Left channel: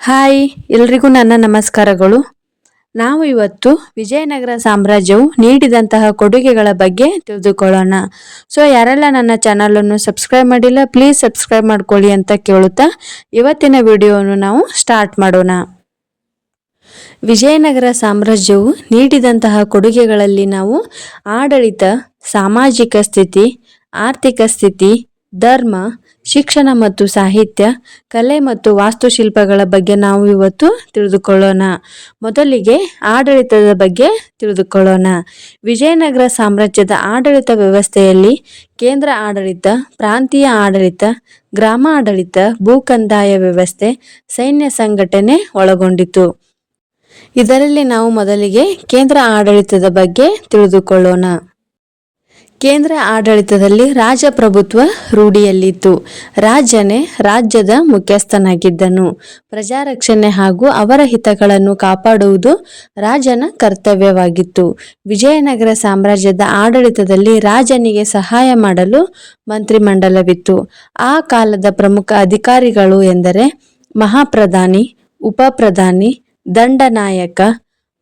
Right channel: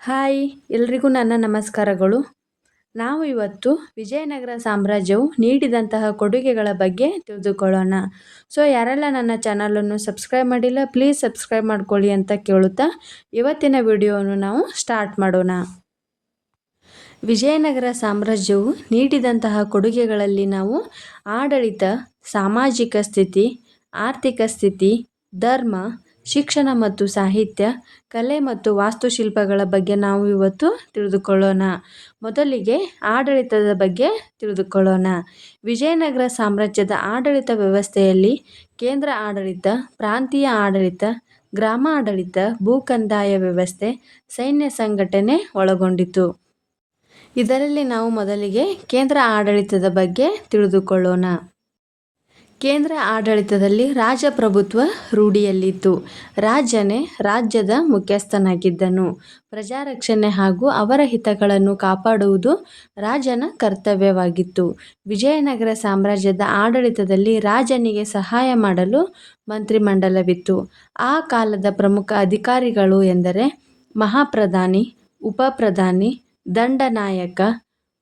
Hi, ಎಲ್ರಿಗೂ ನನ್ನ ನಮಸ್ಕಾರಗಳು. ನಾವು ಇವತ್ತು ವಿಜಯನಗರ ಸಾಮ್ರಾಜ್ಯವು ನೀಡಿದಂತಹ ಕೊಡುಗೆಗಳ ಬಗ್ಗೆ ತಿಳಿದುಕೊಳ್ಳೋಣ. ಸೊ ಯಾರೆಲ್ಲ ನನ್ನ ಚಾನಲನ್ನು ಸಬ್ಸ್ಕ್ರೈಬ್ ಮಾಡಿಲ್ಲ ಪ್ಲೀಸ್ ಸಬ್ಸ್ಕ್ರೈಬ್ ಮಾಡ್ಕೊಳ್ಳಿ ಅಂತ ಕೇಳುತ್ತಾ, ಇವತ್ತಿನ ವಿಡಿಯೋವನ್ನು ನಾವು ಸ್ಟಾರ್ಟ್ ಮಾಡೋಣ. ವಿಜಯನಗರ ಸಾಮ್ರಾಜ್ಯವು ನೀಡಿದಂತಹ ಕೊಡುಗೆಗಳಲ್ಲಿ ನಾವು ಆಡಳಿತ, ಸಾಮಾಜಿಕ ಸ್ಥಿತಿ, ಆರ್ಥಿಕ ಸ್ಥಿತಿ, ಧರ್ಮ ಶಿಕ್ಷಣ ಮತ್ತು ಸಾಹಿತ್ಯ, ಕಲೆ ಮತ್ತು ವಾಸ್ತುಶಿಲ್ಪಗಳ ಬಗ್ಗೆ ನಾವು ಇವತ್ತು ತಿಳಿದುಕೊಳ್ಳೋಣ. ಮೊದಲಿಗೆ ಆಡಳಿತದ ಬಗ್ಗೆ ತಿಳಿದುಕೊಳ್ಳೋಣ. ವಿಜಯನಗರ ಸಾಮ್ರಾಜ್ಯದ ಆಡಳಿತ ವ್ಯವಸ್ಥೆಯಲ್ಲಿ ಕೇಂದ್ರ ಆಡಳಿತ, ಪ್ರಾಂತೀಯ ಆಡಳಿತ, ಗ್ರಾಮ ಆಡಳಿತ, ಭೂಕಂದಾಯ ವ್ಯವಸ್ಥೆ, ಸೈನ್ಯ ಸಂಘಟನೆ ಒಳಗೊಂಡಿತು. ಇದರಲ್ಲಿ ನಾವು ಮೊದಲಿಗೆ ಕೇಂದ್ರ ಆಡಳಿತದ ಬಗ್ಗೆ ತಿಳಿದುಕೊಳ್ಳೋಣ. ಕೇಂದ್ರ ಆಡಳಿತದಲ್ಲಿ ರಾಜಪ್ರಭುತ್ವ ರೂಢಿಯಲ್ಲಿತ್ತು. ರಾಜನೇ ರಾಜ್ಯದ ಮುಖ್ಯಸ್ಥನಾಗಿದ್ದನು. ಪ್ರಜಾರಕ್ಷಣೆ ಹಾಗೂ ಅವರ ಹಿತಗಳನ್ನು ಕಾಪಾಡುವುದು ರಾಜನ ಕರ್ತವ್ಯವಾಗಿತ್ತು. ವಿಜಯನಗರ ಸಾಮ್ರಾಜ್ಯದ ಆಡಳಿತದಲ್ಲಿ ರಾಜನಿಗೆ ಸಹಾಯ ಮಾಡಲು ಮಂತ್ರಿಮಂಡಲವಿತ್ತು. ಆ ಕಾಲದ ಪ್ರಮುಖ ಅಧಿಕಾರಿಗಳು ಎಂದರೆ ಮಹಾಪ್ರಧಾನಿ, ಉಪಪ್ರಧಾನಿ, ದಂಡನಾಯಕ,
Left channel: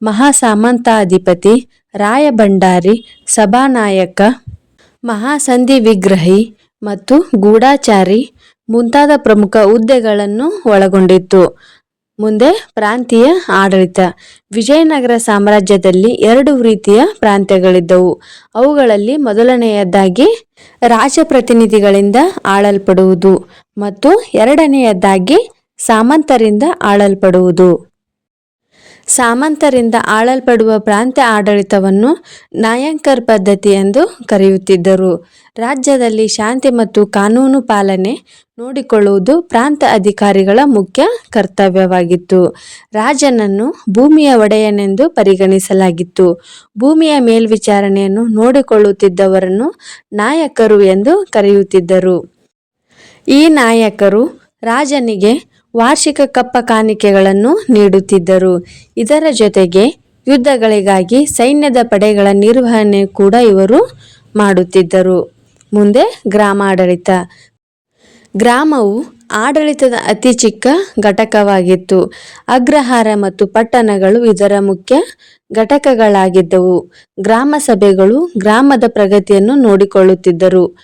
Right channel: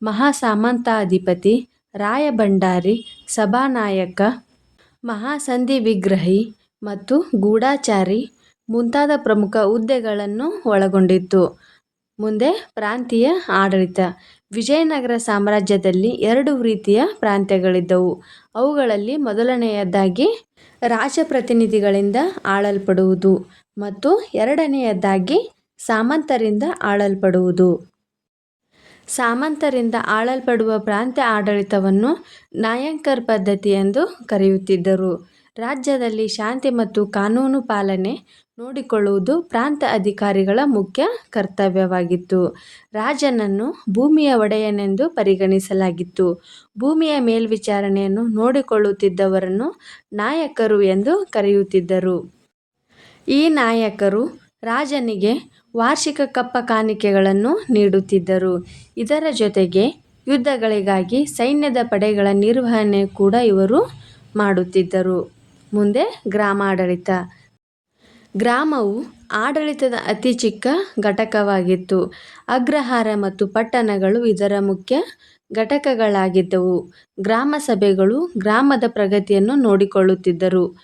ಮಹಾಸಾಮಂತಾಧಿಪತಿ ರಾಯಭಂಡಾರಿ, ಸಭಾನಾಯಕ, ಮಹಾಸಂಧಿ ವಿಗ್ರಹಿ ಮತ್ತು ಗೂಢಾಚಾರಿ ಮುಂತಾದ ಪ್ರಮುಖ ಹುದ್ದೆಗಳನ್ನು ಒಳಗೊಂಡಿತ್ತು. ಮುಂದೆ ಪ್ರಾಂತೀಯ ಆಡಳಿತ. ವಿಜಯನಗರ ಸಾಮ್ರಾಜ್ಯದಲ್ಲಿ ಎರಡು ರೀತಿಯ ಪ್ರಾಂತ್ಯಗಳಿದ್ದವು. ಅವುಗಳಲ್ಲಿ ಮೊದಲನೆಯದಾಗಿ ರಾಜಪ್ರತಿನಿಧಿಗಳಿಂದ ಆಳಲ್ಪಡುವುದು ಮತ್ತು ಎರಡನೆಯದಾಗಿ ಸಾಮಂತರಿಂದ ಆಳಲ್ಪಡುವುದು. ಸಾಮಂತರಿಂದ ಆಳಲ್ಪಡುವ ಪ್ರಾಂತ್ಯ ಆಡಳಿತವನ್ನು ನಾಯಂಕರ್ ಪದ್ಧತಿ ಎಂದು ಕರೆಯುತ್ತಿದ್ದರು. ರಾಜ್ಯದಲ್ಲಿ ಶಾಂತಿ ಮತ್ತು ಕಾನೂನು ಪಾಲನೆ ನೋಡಿಕೊಳ್ಳುವುದು ಪ್ರಾಂತ ಅಧಿಕಾರಿಗಳ ಮುಖ್ಯ ಕರ್ತವ್ಯವಾಗಿತ್ತು. ರಾಜನನ್ನು ಭೂಮಿಯ ಒಡೆಯನೆಂದು ಪರಿಗಣಿಸಲಾಗಿತ್ತು. ಭೂಮಿಯ ಮೇಲ್ವಿಚಾರಣೆಯನ್ನು ನೋಡಿಕೊಳ್ಳುತ್ತಿದ್ದವರನ್ನು ನಾಯಕರು ಎಂದು ಕರೆಯುತ್ತಿದ್ದರು. ಈ ನಾಯಕರು ರಾಜನಿಗೆ ವಾರ್ಷಿಕ ಕಪ್ಪ ಕಾಣಿಕೆಗಳನ್ನು ನೀಡುತ್ತಿದ್ದರು. ಇದರ ಜೊತೆಗೆ ಯುದ್ಧಗಳಿಗಾಗಿ ಸೈನ್ಯದ ಪಡೆಗಳ ನಿರ್ವಹಣೆ ಕೂಡ ಇವರು ಮಾಡುತ್ತಿದ್ದರು. ಮುಂದೆ ಗ್ರಾಮಾಡಳಿತ. ಗ್ರಾಮವು ಆಡಳಿತದ ಅತಿ ಚಿಕ್ಕ ಘಟಕವಾಗಿತ್ತು. ಅಗ್ರಹಾರ ಮತ್ತು ಪಟ್ಟಣಗಳು ಇದರ ಮುಖ್ಯ ಘಟಕಗಳಾಗಿದ್ದವು. ಗ್ರಾಮ ಸಭೆಗಳು ಗ್ರಾಮದ ಪ್ರಗತಿಯನ್ನು ನೋಡಿಕೊಳ್ಳುತ್ತಿದ್ದರು.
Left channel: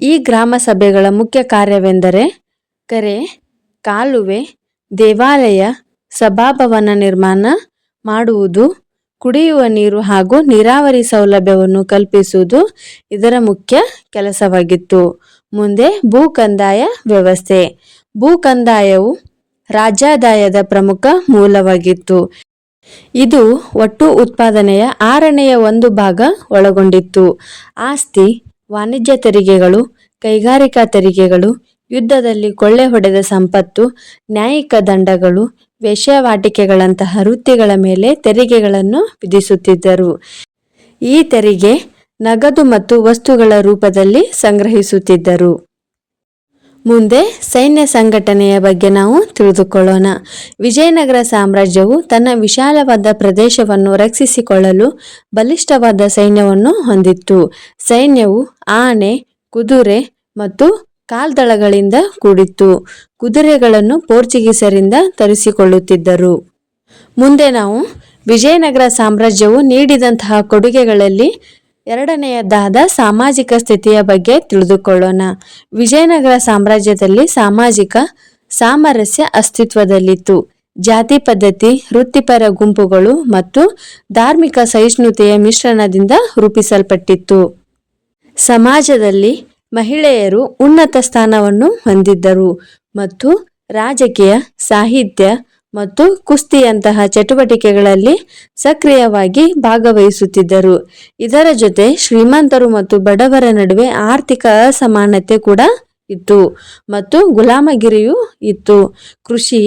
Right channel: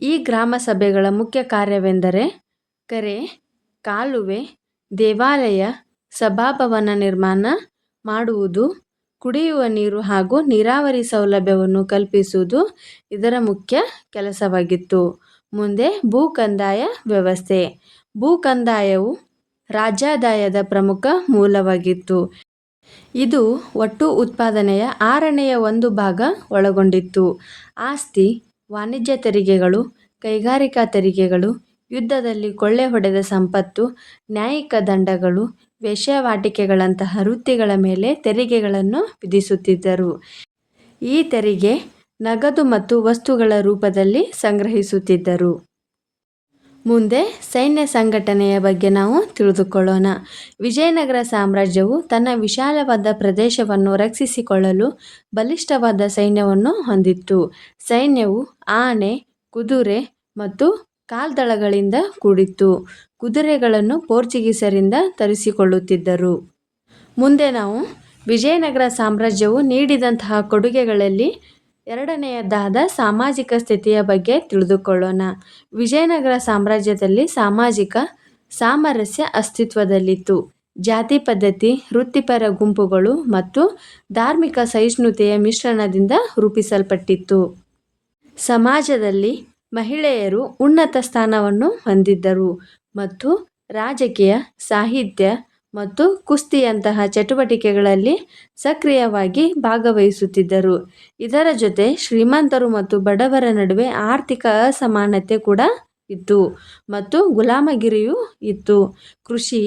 ಈ ಗ್ರಾಮ ಸಭೆಗಳ ಮುಖ್ಯ ಕಾರ್ಯವೆಂದರೆ, ಕೆರೆ ಕಾಲುವೆ, ದೇವಾಲಯ, ಸಭಾಭವನ ನಿರ್ಮಾಣ ಮಾಡುವುದು, ಕುಡಿಯುವ ನೀರು ಹಾಗೂ ನೀರಾವರಿ ಸೌಲಭ್ಯವನ್ನು ಕಲ್ಪಿಸುವುದು ಇದರ ಮುಖ್ಯ ಕೆಲಸವಾಗಿತ್ತು. ಮುಂದೆ ಭೂ ಕಂದಾಯ ವ್ಯವಸ್ಥೆ. ಭೂ ಕಂದಾಯವು ರಾಜ್ಯಾದಾಯದ ಪ್ರಮುಖ ಮೂಲವಾಗಿತ್ತು. ಇದು ಒಟ್ಟು ಉತ್ಪಾದನೆಯ ಆರನೆಯ ಒಂದು ಭಾಗ ಒಳಗೊಂಡಿತ್ತು. ಆಸ್ತಿ, ವಾಣಿಜ್ಯ ತೆರಿಗೆಗಳು, ಕೈಗಾರಿಕಾ ತೆರಿಗೆಗಳು ಯುದ್ಧದಲ್ಲಿ ಕೊಳ್ಳೆ ಹೊಡೆದ ಸಂಪತ್ತು, ನ್ಯಾಯಿಕ ದಂಡಗಳು, ವೇಶ್ಯಾವಾಟಿಕೆಗಳಂತಹ ವೃತ್ತಿಗಳ ಮೇಲೆ ತೆರಿಗೆಗಳನ್ನು ವಿಧಿಸುತ್ತಿದ್ದರು. ಈ ತೆರಿಗೆ ನಗದು ಮತ್ತು ವಸ್ತುಗಳ ರೂಪದಲ್ಲಿ ಸಂಗ್ರಹಿಸುತ್ತಿದ್ದರು. ಮುಂದೆ ಸೈನ್ಯ ಸಂಘಟನೆಯ ಬಗ್ಗೆ ನಾವು ತಿಳಿದುಕೊಳ್ಳೋಣ. ವಿಜಯನಗರ ಸಾಮ್ರಾಜ್ಯವು ತನ್ನ ವಿಶಾಲವಾದ ಪ್ರದೇಶವನ್ನು ರಕ್ಷಿಸಿಕೊಳ್ಳಲು ಬಲಿಷ್ಠವಾದ ಸೈನ್ಯವನ್ನು ಹೊಂದಿತ್ತು. ಸೈನ್ಯವು ಆನೆ, ಕುದುರೆ ಮತ್ತು ಕಾಲ್ದಳಗಳಿಂದ ಕೂಡಿತ್ತು. ಕುದುರೆಗಳನ್ನು ಪೋರ್ಚುಗೀಸರಿಂದ ತರಿಸಿಕೊಳ್ಳುತ್ತಿದ್ದರು. ಮುಂದೆ ನಾವು ವಿಜಯನಗರ ಸಾಮ್ರಾಜ್ಯವು ನೀಡಿದಂತಹ ಕೊಡುಗೆಗಳಲ್ಲಿ ಎರಡನೆಯದಾದ ಸಾಮಾಜಿಕ ಸ್ಥಿತಿಯ ಬಗ್ಗೆ ತಿಳಿದುಕೊಳ್ಳೋಣ. ವಿಜಯನಗರ ಸಾಮ್ರಾಜ್ಯದಲ್ಲಿ ಸಾಮಾಜಿಕ ಸಾಮರಸ್ಯ ಅಸ್ತಿತ್ವದಲ್ಲಿತ್ತು. ಜಾತಿ ಪದ್ಧತಿ, ವೃತ್ತಿಪರ ಗುಂಪುಗಳು ಮತ್ತು ಧಾರ್ಮಿಕ ಸಹಿಷ್ಣುತೆಯ ಮಿಶ್ರಣದಿಂದ ರೂಪಿಸಲ್ಪಟ್ಟಿತ್ತು. ಸಮಾಜದಲ್ಲಿ ಮಹಿಳೆಯರು ಉನ್ನತ ಸ್ಥಾನವನ್ನು ಹೊಂದಿದ್ದರು ಮತ್ತು ರಾಜಕೀಯ, ಸಾಹಿತ್ಯ ಮತ್ತು ಕುಸ್ತಿಯಂತಹ ಚಟುವಟಿಕೆಗಳಲ್ಲಿ ಸಕ್ರಿಯವಾಗಿ ಭಾಗವಹಿಸುತ್ತಿದ್ದರು. ಇದರ ಜೊತೆ ಶ್ರೀಮಂತರು ಮತ್ತು ಬಡವರ ನಡುವೆ ಆರ್ಥಿಕ ಅಸಮಾನತೆ ಕೂಡ ಇತ್ತು ಮತ್ತು ಗುಲಾಮಗಿರಿಯೂ ಇತ್ತು. ಕೃಷಿ,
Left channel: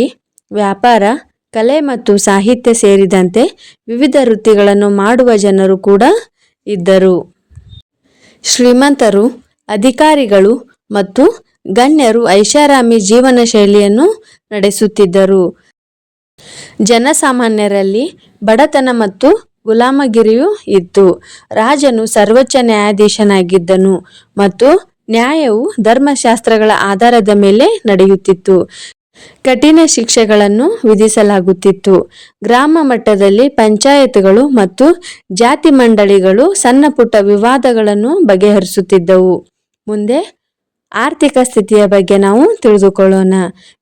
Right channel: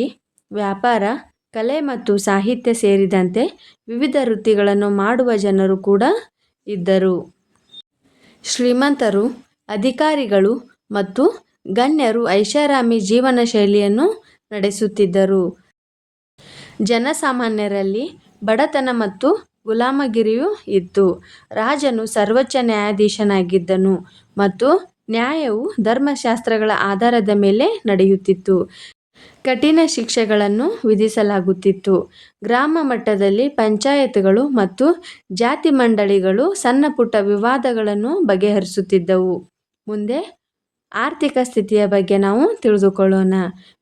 ವ್ಯಾಪಾರ, ಕಲೆ ಮತ್ತು ಸಾಹಿತ್ಯ ಸೇರಿದಂತೆ ವಿವಿಧ ವೃತ್ತಿಗಳನ್ನು ಮಾಡುವ ಜನರು ಕೂಡ ಇದ್ದರು. ಶ್ರೀಮಂತರು ಅಧಿಕಾರಿಗಳು ಮತ್ತು ಗಣ್ಯರು ಐಷಾರಾಮಿ ಜೀವನ ಶೈಲಿಯನ್ನು ನಡೆಸುತ್ತಿದ್ದರು. ಜನಸಾಮಾನ್ಯರಲ್ಲಿ ಬಡತನ ಮತ್ತು ಗುಲಾಮಗಿರಿಯೂ ಇತ್ತು. ರಾಜನು ಸರ್ವೋಚ್ಚ ನ್ಯಾಯಾಧೀಶನಾಗಿದ್ದನು ಮತ್ತು ನ್ಯಾಯವು ಧರ್ಮಶಾಸ್ತ್ರಗಳ ಆಧಾರದ ಮೇಲೆ ನಡೆಯುತ್ತಿತ್ತು. ಕಠಿಣ ಶಿಕ್ಷೆಗಳನ್ನು ವಿಧಿಸಲಾಗುತ್ತಿತ್ತು. ಗ್ರಾಮ ಮಟ್ಟದಲ್ಲಿ ಪಂಚಾಯತ್ಗಳು ಮತ್ತು ಜಾತಿ ಮಂಡಳಿಗಳು ಸಣ್ಣ ಪುಟ್ಟ ವಿವಾದಗಳನ್ನು ಬಗೆಹರಿಸುತ್ತಿದ್ದವು. ಮುಂದೆ ಆರ್ಥಿಕ ಸ್ಥಿತಿಯ ಬಗ್ಗೆ ನಾವು ತಿಳಿದುಕೊಳ್ಳೋಣ.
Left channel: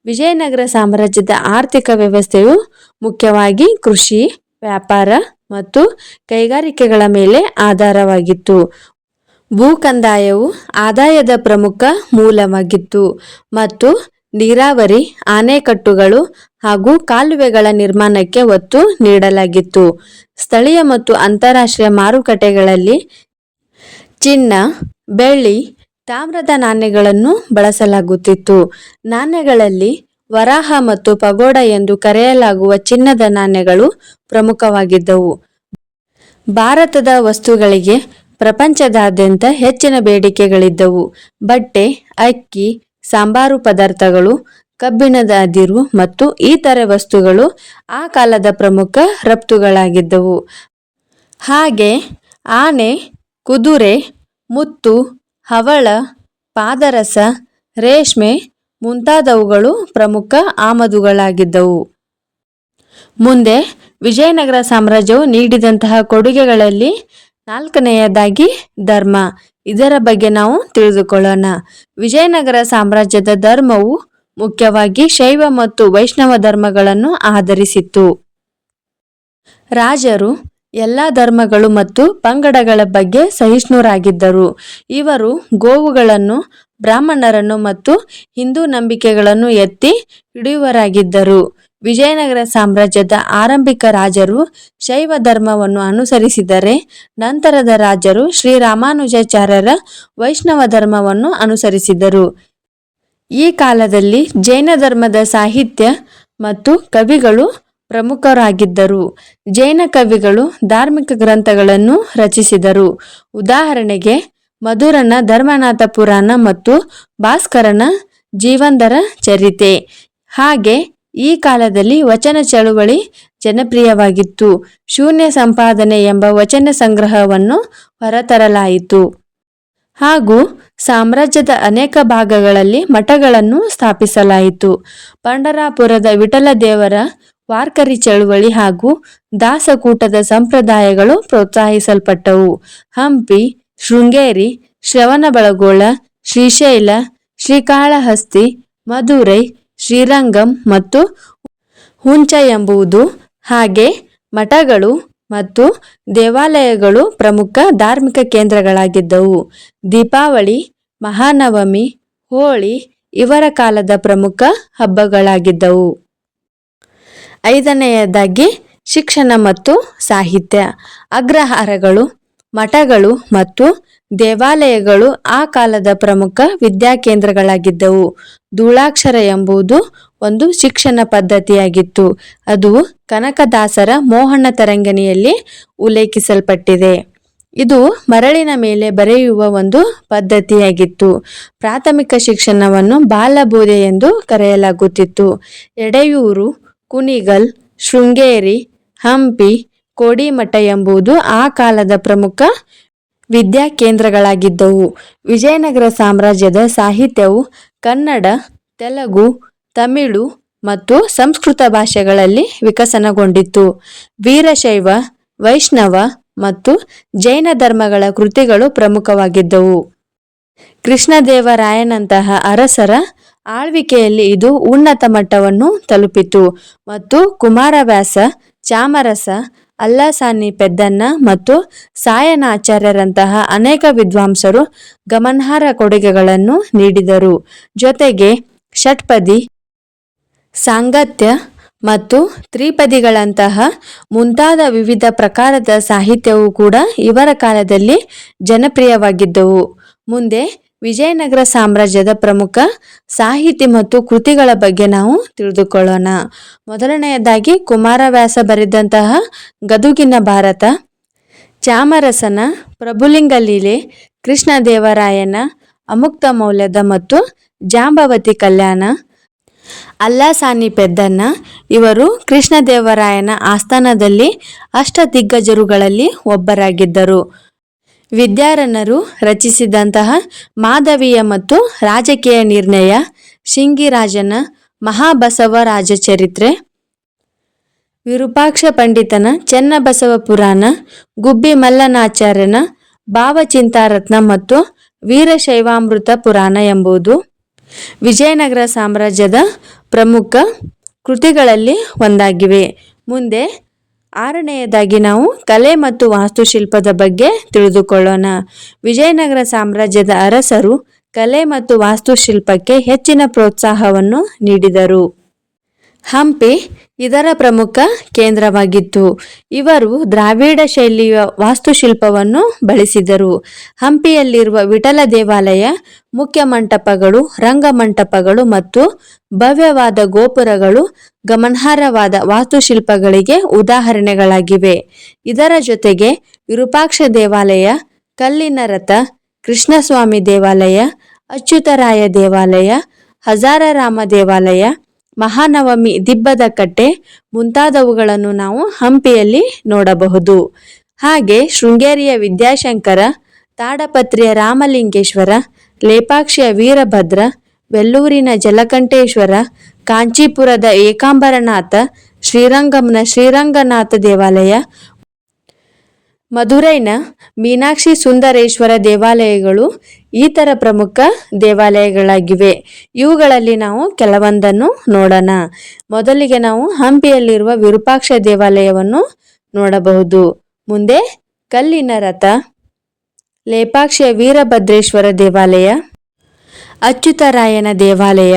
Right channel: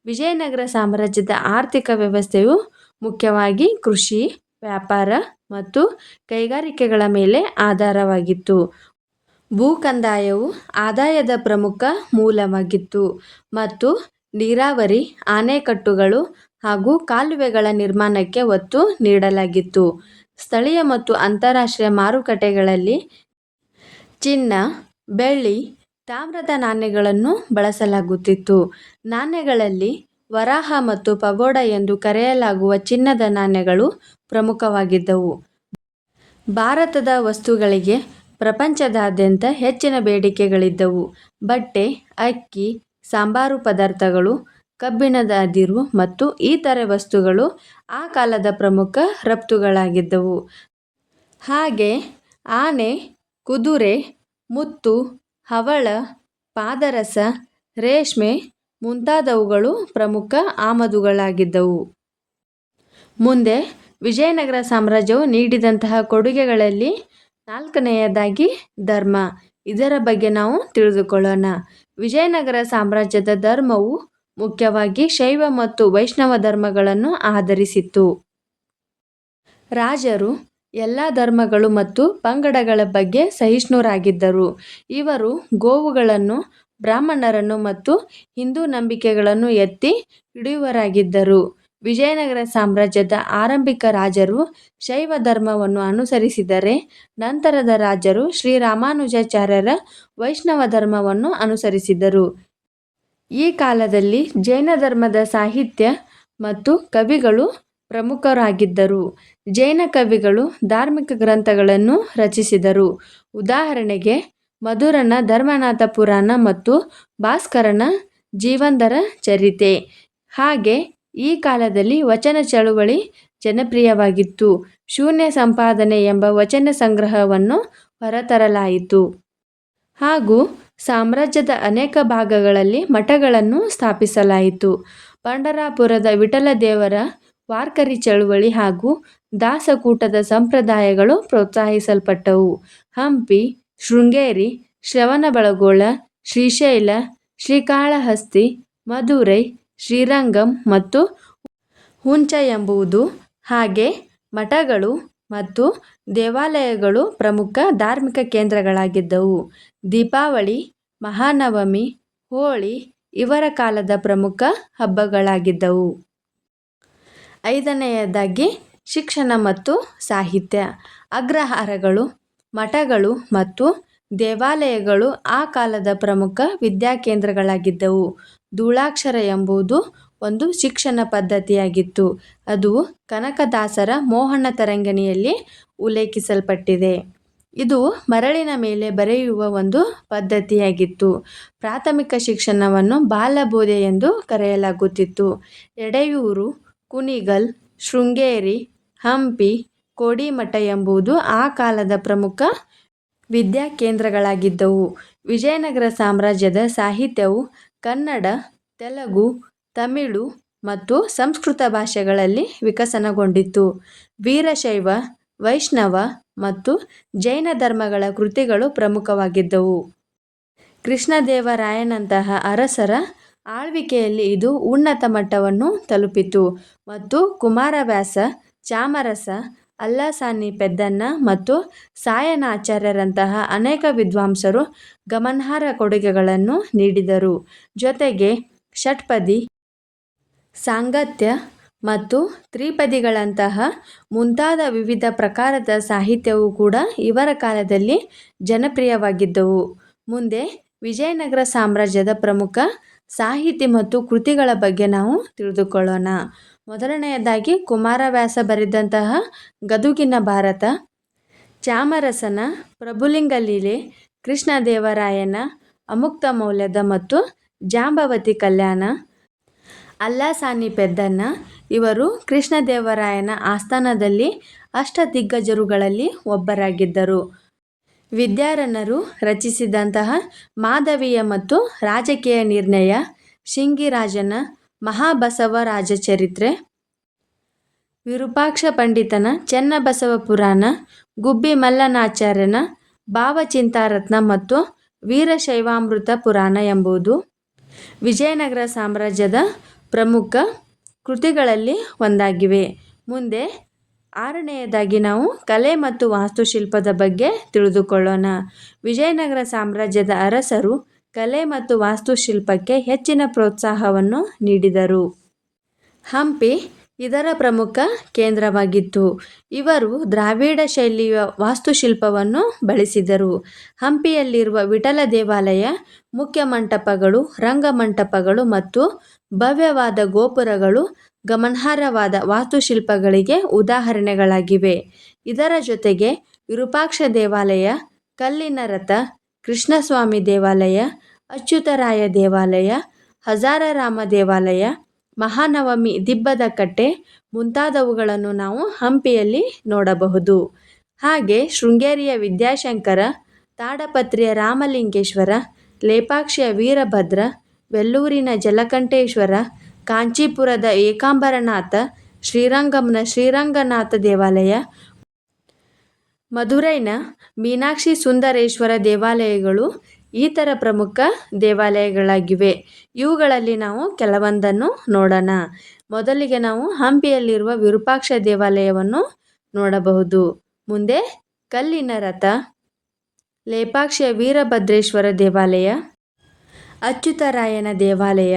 ವಿಜಯನಗರ ಸಾಮ್ರಾಜ್ಯದ ಆರ್ಥಿಕ ವ್ಯವಸ್ಥೆಯು ಮುಖ್ಯವಾಗಿ ಕೃಷಿ, ವ್ಯಾಪಾರ ಮತ್ತು ಕೈಗಾರಿಕೆಗಳ ಮೇಲೆ ಆಧಾರವಾಗಿತ್ತು. ಭೂ ಕಂದಾಯವು ಆದಾಯದ ಪ್ರಮುಖ ಮೂಲವಾಗಿತ್ತು ಮತ್ತು ನೀರಾವರಿ ಆಣೆಕಟ್ಟುಗಳು ಹಾಗೂ ಕಾಲುವೆಗಳ ನಿರ್ಮಾಣಕ್ಕೆ ಒತ್ತು ನೀಡಲಾಗಿತ್ತು. ಸ್ಥಳೀಯ ಮತ್ತು ಅಂತಾರಾಷ್ಟ್ರೀಯ ಮಾರುಕಟ್ಟೆಗಳಲ್ಲಿ ಚಿನ್ನ, ಬೆಳ್ಳಿ ತಾಮ್ರದ ನಾಣ್ಯಗಳನ್ನು ಬಳಸಲಾಗುತ್ತಿತ್ತು. ನಾಣ್ಯಗಳಲ್ಲಿ ವರಾಹ ಮತ್ತು ಪಗೋಡ ಎಂದು ಕರೆಯಲಾಗುವ ಚಿನ್ನದ ನಾಣ್ಯಗಳು ಪ್ರಮುಖವಾಗಿದ್ದವು. ಭಾರತದ ವಸ್ತುಗಳಿಗೆ ಪ್ರಪಂಚದಾದ್ಯಂತ ಹೆಚ್ಚಿನ ಬೇಡಿಕೆಗಳಿದ್ದವು. ಬಟ್ಟೆ, ಅಕ್ಕಿ, ಸಾಂಬಾರು ಪದಾರ್ಥಗಳು, ಕಬ್ಬಿಣದ ಅದಿರು ಮತ್ತು ಇತರೆ ವಸ್ತುಗಳು ಆ ಕಾಲದ ಪ್ರಮುಖ ರಫ್ತುಗಳಾಗಿದ್ದವು. ಹಾಗೆ ಆನೆ, ಕುದುರೆ, ಮುತ್ತು ಹವಳ, ಪಾದರಸ, ರೇಷ್ಮೆ ಮುಂತಾದವುಗಳು ಪ್ರಮುಖ ಆಮದುಗಳಾಗಿದ್ದವು. ಮುಂದೆ ವಿಜಯನಗರ ಸಾಮ್ರಾಜ್ಯವು ನೀಡಿದಂತಹ ಕೊಡುಗೆಗಳಲ್ಲಿ ನಾಲ್ಕನೆಯದಾಗಿ ಧರ್ಮ. ಇದರ ಬಗ್ಗೆ ನಾವು ತಿಳಿದುಕೊಳ್ಳೋಣ. ವಿಜಯನಗರ ಸಾಮ್ರಾಜ್ಯದ ಧರ್ಮವು ಮುಖ್ಯವಾಗಿ ಶೈವ ಮತ್ತು ವೈಷ್ಣವ ಧರ್ಮಗಳನ್ನು ಆಧರಿಸಿತ್ತು. ರಾಜರು ಎಲ್ಲ ಧರ್ಮಗಳು ಮತ್ತು ಪಂಗಡಗಳ ಬಗ್ಗೆ ಸಹಿಷ್ಣುರಾಗಿದ್ದರು. ಇವರು ಗೋವುಗಳನ್ನು, ಬ್ರಾಹ್ಮಣರನ್ನು ಮತ್ತು ಹಿಂದೂ ನಂಬಿಕೆಗಳನ್ನು ಎತ್ತಿ ಹಿಡಿಯುವರಾಗಿದ್ದರು ವಿಜಯನಗರ ಸಾಮ್ರಾಜ್ಯದ ಆರಂಭಿಕ ರಾಜರು ಶೈವ ಧರ್ಮವನ್ನು ಅನುಸರಿಸಿದರೆ, ನಂತರದ ರಾಜರು ಶ್ರೀರಾಮಾನುಜಾಚಾರ್ಯರ ವೈಷ್ಣವ ಧರ್ಮವನ್ನು ಅನುಸರಿಸಿದರು. ಈ ಕಾಲದಲ್ಲಿ ಜೈನ ಧರ್ಮದ ಸಾಹಿತ್ಯ ಮತ್ತು ಕವಿಗಳು ಪ್ರಮುಖರಾಗಿದ್ದರು. ಜೈನ ಕವಿಗಳು ಧಾರ್ಮಿಕ ಗ್ರಂಥಗಳನ್ನು ರಚಿಸಿದರು. ಉದಾಹರಣೆಗೆ, ಮಧುರನ ಧರ್ಮನಾಥ ಪುರಾಣ ಮತ್ತು ಭಾಸ್ಕರನ ಜೀವಂದರ ಚರಿತೆ. ಹಾಗೆ, ಈ ಕಾಲದಲ್ಲಿ ವಚನ ಚಳುವಳಿ ಜನಪ್ರಿಯವಾಗಿತ್ತು. ಶೂನ್ಯ ಸಂಪಾದನೆ ಎಂಬ ವಚನ ಸಂಗ್ರಹವನ್ನು ಹೊರತರಲಾಯಿತು. ಹಾಗೂ, ಸಾಮ್ರಾಜ್ಯದ ಅನೇಕ ಭಾಗಗಳಲ್ಲಿ ಮಠಗಳನ್ನು ಸ್ಥಾಪಿಸಲಾಯಿತು. ಪಂಡರಾಪುರದ ವಿಠಲದೇವರ ವಾರ್ಕರಿ ಚಳುವಳಿ ಹಾಗೂ ದಾಸಕೂಟದ ಸಂಪ್ರದಾಯಗಳು ಪ್ರೋತ್ಸಾಹಿಸಲ್ಪಟ್ಟವು. ಹಂಪಿ, ಶೃಂಗೇರಿ, ಶ್ರವಣಬೆಳಗೊಳ, ಶ್ರೀಶೈಲ, ಶ್ರೀಕಾಳಹಸ್ತಿ, ಮಧುರೈ, ಶ್ರೀರಂಗಂ ಮತ್ತು ಹುಂಚ ಎಂಬುದು ಹಾಗೆ ಮಠಗಳು ಮತ್ತು ದೇವಾಲಯಗಳು ಪ್ರಮುಖ ಧಾರ್ಮಿಕ ಕೇಂದ್ರಗಳಾಗಿದ್ದವು. ದೀಪಾವಳಿ, ಮಹಾನವಮಿ, ಹೋಳಿ ಇವರ ಕಾಲದ ಪ್ರಮುಖ ಹಬ್ಬಗಳಾಗಿದ್ದವು. ಐದನೆಯದಾಗಿ ಶಿಕ್ಷಣ ಮತ್ತು ಸಾಹಿತ್ಯ. ಅಗ್ರಹಾರಗಳು, ಮಠಗಳು ಮತ್ತು ದೇವಾಲಯಗಳು ಆ ಕಾಲದ ಪ್ರಮುಖ ವಿದ್ಯಾಕೇಂದ್ರಗಳಾಗಿದ್ದವು ಧೂಳಾಕ್ಷರ ಎಂಬುದು ಒಂದು ಶಿಕ್ಷಣ ಪದ್ಧತಿಯಾಗಿತ್ತು. ಅದು ಕನಕದಾಸರ ಮೋಹನ ತರಂಗಣಿಯಲ್ಲಿ ಉಲ್ಲೇಖಿಸಲ್ಪಟ್ಟಿದೆ. ಇದು ಮರಳಿನ ಮೇಲೆ ಬರೆಯುವ ಒಂದು ಪದ್ಧತಿಯಾಗಿತ್ತು. ಪ್ರಾಥಮಿಕ ಶಿಕ್ಷಣವನ್ನು ಬಾಲಬೋಧೆ ಎಂದು ಕರೆಯಲಾಗುತ್ತಿತ್ತು. ಎಡೆಯೂರು ಕುಣಿಗಲ್, ಶೃಂಗೇರಿ, ಹಂಪಿ, ಕೋಡಿಮಠ ಎಂಬುದು ಆ ಕಾಲದ ಪ್ರಮುಖ ವಿದ್ಯಾ ಕೇಂದ್ರಗಳಾಗಿದ್ದವು. ವಿಜಯನಗರ ಸಾಮ್ರಾಜ್ಯದ ಸಾಹಿತ್ಯವು ಕನ್ನಡ, ತೆಲುಗು, ತಮಿಳು ಮತ್ತು ಸಂಸ್ಕೃತ ಭಾಷೆಗಳಲ್ಲಿ ವಿಕಸನಗೊಂಡಿತ್ತು. ವೀರಶೈವ, ವೈಷ್ಣವ ಮತ್ತು ಜೈನ ಧರ್ಮಗಳ ಕೃತಿಗಳು ಪ್ರಮುಖವಾಗಿದ್ದವು. ಕೃಷ್ಣದೇವರಾಯನಂತಹ ಅರಸರ ಆಳ್ವಿಕೆಯಲ್ಲಿ ಇದು ಉನ್ನತ ಮಟ್ಟವನ್ನು ತಲುಪಿತು. ಮತ್ತು ಕುಮಾರವ್ಯಾಸ, ಚಾಮರಸ, ಅಲ್ಲಾಸಾನಿ ಪೆದ್ದನ್ನ ಮತ್ತು ಸಾಯನಾಚಾರ್ಯರಂತಹ ಅನೇಕ ವಿದ್ವಾಂಸರು ಗಮನಾರ್ಹ ಕೊಡುಗೆಗಳನ್ನು ನೀಡಿದರು. ಜೊತೆಗೆ ಷಟ್ಪದಿ, ಸಾಂಗತ್ಯ ಮತ್ತು ತ್ರಿಪದಿಗಳಂತಹ ಮುಂತಾದ ವಿವಿಧ ಪ್ರಕಾರದ ಸಾಹಿತ್ಯವೂ ಕೂಡ ಇವರ ಕಾಲದಲ್ಲಿ ಜನಪ್ರಿಯವಾಗಿದ್ದವು. ಮುಂದೆ ವಿಜಯನಗರ ಸಾಮ್ರಾಜ್ಯದ ಪ್ರಮುಖ ಸಾಹಿತಿ ಮತ್ತು ಕೃತಿಗಳ ಬಗ್ಗೆ ನಾವು ತಿಳಿದುಕೊಳ್ಳೋಣ. ಮೊದಲನೆಯದಾಗಿ ಕುಮಾರವ್ಯಾಸ ಬರೆದಂತಹ ಗದುಗಿನ ಭಾರತ, ಚಾಮರಸನ, ಪ್ರಭುಲಿಂಗ ಲೀಲೆ, ಕೃಷ್ಣದೇವರಾಯನ ಅಮುಕ್ತ ಮೌಲ್ಯದ ಮತ್ತು ಜಾಂಬವತಿ ಕಲ್ಯಾಣ ಅಲ್ಲಾಸಾನಿ ಪೆದ್ದನ್ನ ಇವರು ಕೃಷ್ಣದೇವರಾಯನ ಆಸ್ಥಾನದಲ್ಲಿ ಅಷ್ಟದಿಗ್ಗಜರುಗಳಲ್ಲಿ ಒಬ್ಬರಾಗಿದ್ದರು. ವಿದ್ಯಾರಣ್ಯರು ರಚಿಸಿದಂತಹ ಮಾಧವಿಯ ಮತ್ತು ರಾಜಕೀಯ ನಿರ್ಣಯ, ಶಿಂಗಿರಾಜನ ಮಹಾಬಸವ ರಾಜಚರಿತ್ರೆ, ವಿರೂಪಾಕ್ಷ ಪಂಡಿತನ ಚೆನ್ನಬಸವ ಪುರಾಣ ಗುಬ್ಬಿ ಮಲ್ಲನಾಚಾರ್ಯನ ಭಾವಚಿಂತಾರತ್ನ ಮತ್ತು ವೀರಶೈವಾಮೃತ ಪುರಾಣ ಎಂಬುದು ವಿಜಯನಗರ ಸಾಮ್ರಾಜ್ಯದ ಪ್ರಮುಖ ಕೃತಿಗಳಲ್ಲಿ ಒಂದಾಗಿವೆ. ಮುಂದೆ ಆರನೆಯದಾಗಿ ನಾವು ಕಲೆ ಮತ್ತು ವಾಸ್ತುಶಿಲ್ಪದ ಬಗ್ಗೆ ತಿಳಿದುಕೊಳ್ಳೋಣ. ವಿಜಯನಗರ ಸಾಮ್ರಾಜ್ಯದ ಅರಸರು ಕಲೆ ಮತ್ತು ವಾಸ್ತುಶಿಲ್ಪಕ್ಕೆ ಹೆಚ್ಚಿನ ಪ್ರೋತ್ಸಾಹವನ್ನು ನೀಡಿದರು. ಹಂಪಿ ಇದರ ಪ್ರಮುಖ ಕೇಂದ್ರವಾಗಿತ್ತು. ಇವರು ದ್ರಾವಿಡ ಶೈಲಿಯ ವಾಸ್ತುಶಿಲ್ಪವನ್ನು ಬಳಸಿದರು. ಹಂಪಿಯಲ್ಲಿರುವ ವಿಠಲ ದೇವಾಲಯ, ಮುಖ್ಯ ಮಂಟಪಗಳು ರಂಗಮಂಟಪಗಳು ಮತ್ತು ಭವ್ಯವಾದ ಗೋಪುರಗಳು ಗಮನಾರ್ಹವಾದ ವಾಸ್ತುಶಿಲ್ಪಗಳಿಗೆ ಉದಾಹರಣೆಗಳಾಗಿವೆ. ಇದರ ಜೊತೆಗೆ ವಿರೂಪಾಕ್ಷ ದೇವಾಲಯ, ಕಲ್ಲಿನ ರಥ, ಕೃಷ್ಣಸ್ವಾಮಿ ದೇವಾಲಯ, ಅಚ್ಯುತರಾಯ ದೇವಾಲಯ, ಹಜಾರರಾಮ ದೇವಾಲಯ ಮಹಾನವಮಿ ದಿಬ್ಬದ ಕಟ್ಟೆ ಮುಂತಾದವುಗಳನ್ನು ನಾವು ಹಂಪಿಯಲ್ಲಿ ನೋಡಬಹುದು. ಹಾಗೆ ಶೃಂಗೇರಿಯ ವಿದ್ಯಾಶಂಕರ, ತಾಡಪತ್ರಿಯ ರಾಮಲಿಂಗೇಶ್ವರ, ಲೇಪಾಕ್ಷಿಯ ವೀರಭದ್ರ, ವೆಲ್ಲೂರಿನ ಜಲಕಂಠೇಶ್ವರ, ಕಾಂಚೀಪುರದ ಏಕಾಂಬರನಾಥ ಶ್ರೀರಂಗಂನ ಶ್ರೀರಂಗನಾಥ ದೇವಾಲಯ, ಮಧುರೈನ ಮೀನಾಕ್ಷಿ ಸುಂದರೇಶ್ವರ ದೇವಾಲಯಗಳು ಈ ಥರ ಪ್ರಮುಖ ದೇವಾಲಯಗಳಾಗಿವೆ. ಇವುಗಳಲ್ಲಿ ನಾವು ಕೆಲವೊಂದನ್ನು ನೋಡೋಣ. ಮೊದಲಿಗೆ ನಾವು ಹಂಪಿಯಲ್ಲಿರುವ ವಿರೂಪಾಕ್ಷ ದೇವಾಲಯವನ್ನು ನೋಡಬಹುದು. ಮುಂದೆ ಕಲ್ಲಿನ ರಥ, ಲೇಪಾಕ್ಷಿಯ ವೀರಭದ್ರೇಶ್ವರ ದೇವಾಲಯ, ಅಚ್ಯುತರಾಯನ ದೇವಾಲಯ,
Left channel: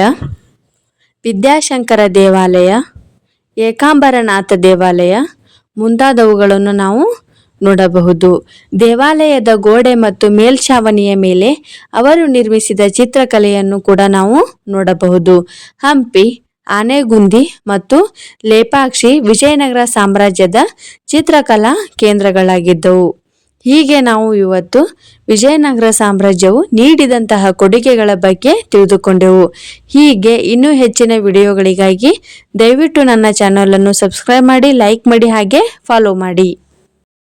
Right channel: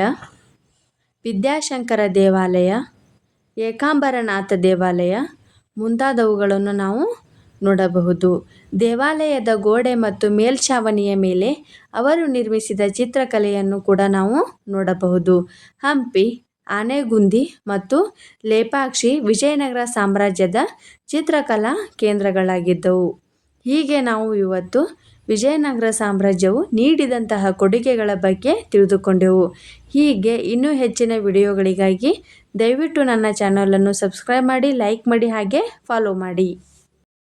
ವಿದ್ಯಾಶಂಕರ ದೇವಾಲಯ, ಏಕಾಂಬರನಾಥ ದೇವಾಲಯ ಮುಂತಾದವುಗಳನ್ನು ನಾವು ನೋಡಬಹುದು. ದೇವಾಲಯದ ಗೋಡೆ ಮತ್ತು ಮೇಲ್ಛಾವಣಿಯ ಮೇಲೆ ಅವರು ನಿರ್ಮಿಸಿದ ಚಿತ್ರಕಲೆಯನ್ನು ಕೂಡ ನಾವು ನೋಡಬಹುದು. ಹಂಪಿ, ಆನೆಗುಂದಿ ಮತ್ತು ಲೇಪಾಕ್ಷಿ ವಿಜಯನಗರ ಸಾಮ್ರಾಜ್ಯದ ಚಿತ್ರಕಲಾ ಕೇಂದ್ರಗಳಾಗಿದ್ದವು. ಹೀಗೆ ನಾವು ಇವತ್ತು ವಿಜಯನಗರ ಸಾಮ್ರಾಜ್ಯವು ನೀಡಿದಂತಹ ಕೊಡುಗೆಗಳ ಬಗ್ಗೆ ತಿಳಿದುಕೊಂಡೆವು. ಹೀಗೆ ಇನ್ನೂ ಹೆಚ್ಚಿನ ವಿಡಿಯೋಗಳಿಗಾಗಿ ದಯವಿಟ್ಟು ನನ್ನ ಚಾನಲನ್ನು ಸಬ್ಸ್ಕ್ರೈಬ್ ಮಾಡಿ, ಲೈಕ್ ಮಾಡಿ ಹಾಗೆ ಫಾಲೋ ಮಾಡಿ.